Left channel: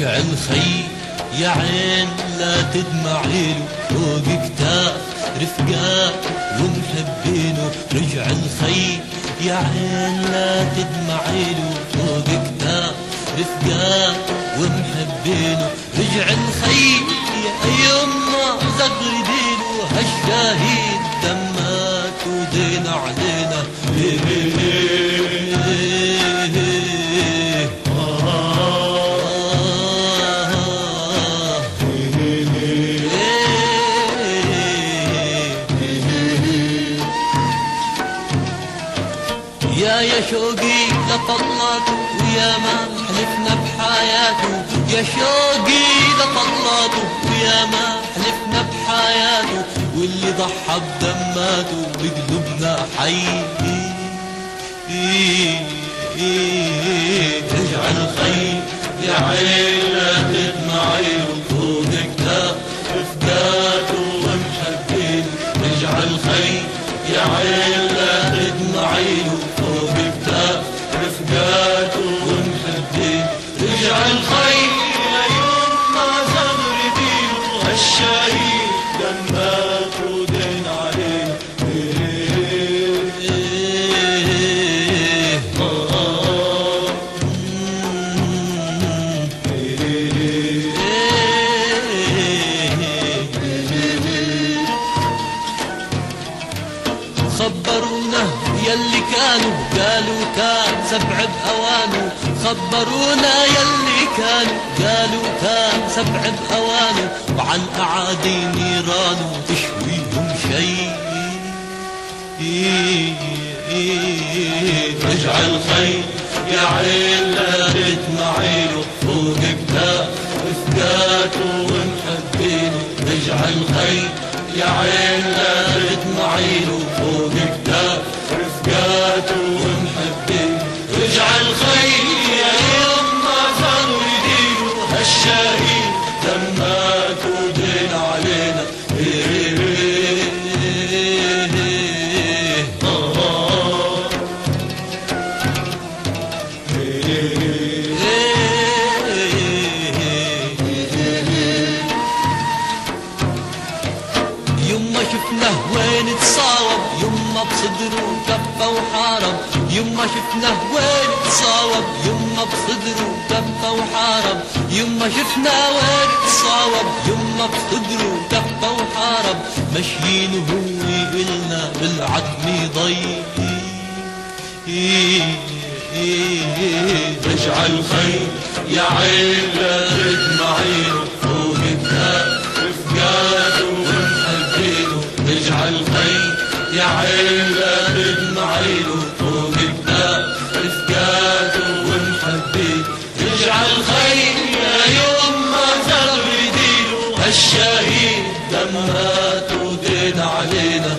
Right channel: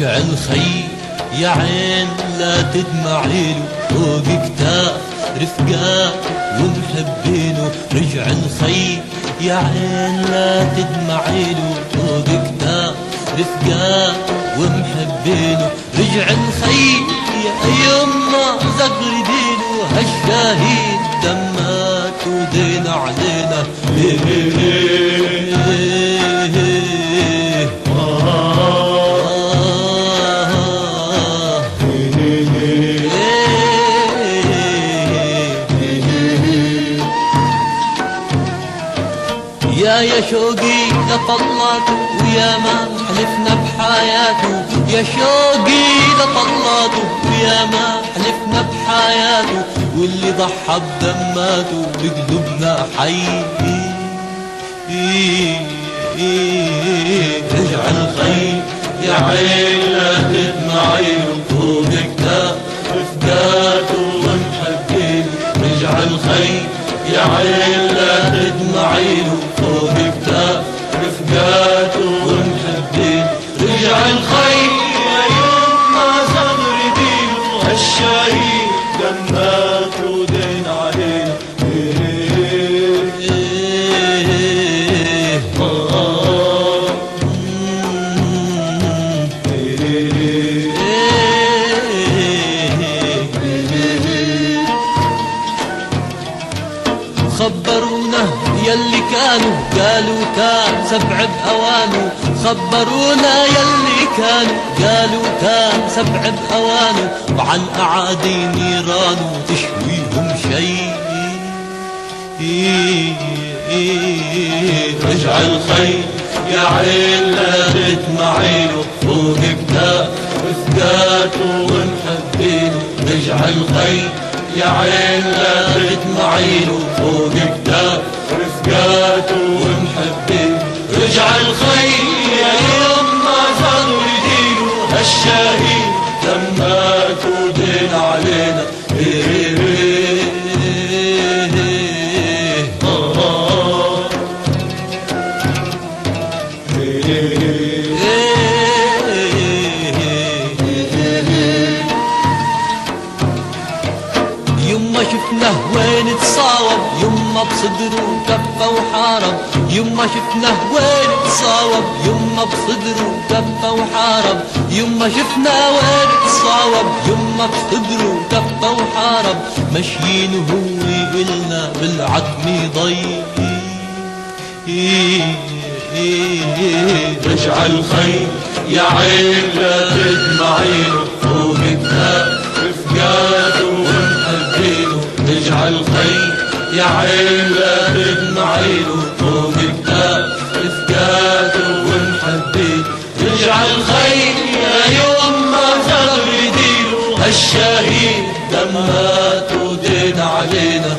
رجع الخير يا عين لا تدمعيله، فوق كتاب رفقات ومحبينه. رجع الخير يا عين لا تدمعيله، فوق كتاب رفقات ومحبينه. رجع الخير يا يما زغردينه، هالشهيد دمات ودين علينا. يا شوقي لطلاته ويا ما حلفنا بحياته، يا شوقي لطلاته ويا ما حلفنا بحياته. واللي ضحى بدماته بقلوبنا حي. رجع الخير يا عين لا تدمعيله، فوق كتاب رفقاته ونحبينه. رجع الخير يا عين لا تدمعيله، فوق كتاب رفقاته ونحبينه. رجع الخير يا يما زغردينه، هالشهيد دمات ودين علينا. خبرونا يلي كانوا قالوا كان سبع بأوانه، خبرونا يلي كانوا قالوا كان سبع بأوانه. وعن أعادي نيرانه تشويهم شيء. رجع الخير يا عين لا تدمعيله، فوق كتاب رفقاته ونحبينه. رجع الخير يا عين لا تدمعيله، فوق كتاب رفقاته ونحبينه. رجع الخير يا يما زغردينه، هالشهيد دمات ودين علينا. يما شفناه وين تصاوب، يما بصدره كفى وحارب. يما شفناه وين تصاوب، يما بصدره كفى وحارب. يما شفناه وين تصاوب، يما بصدره كفى وحارب. ماشيين وهو يقلنا بالعدل ضيق. رجع الخير يا عين لا تدمعيله، فوق كتاب رفقاته ونحبينه. رجع الخير يا عين لا تدمعيله، فوق كتاب رفقاته ونحبينه. رجع الخير يا يما زغردينه، هالشهيد دمات ودين علينا.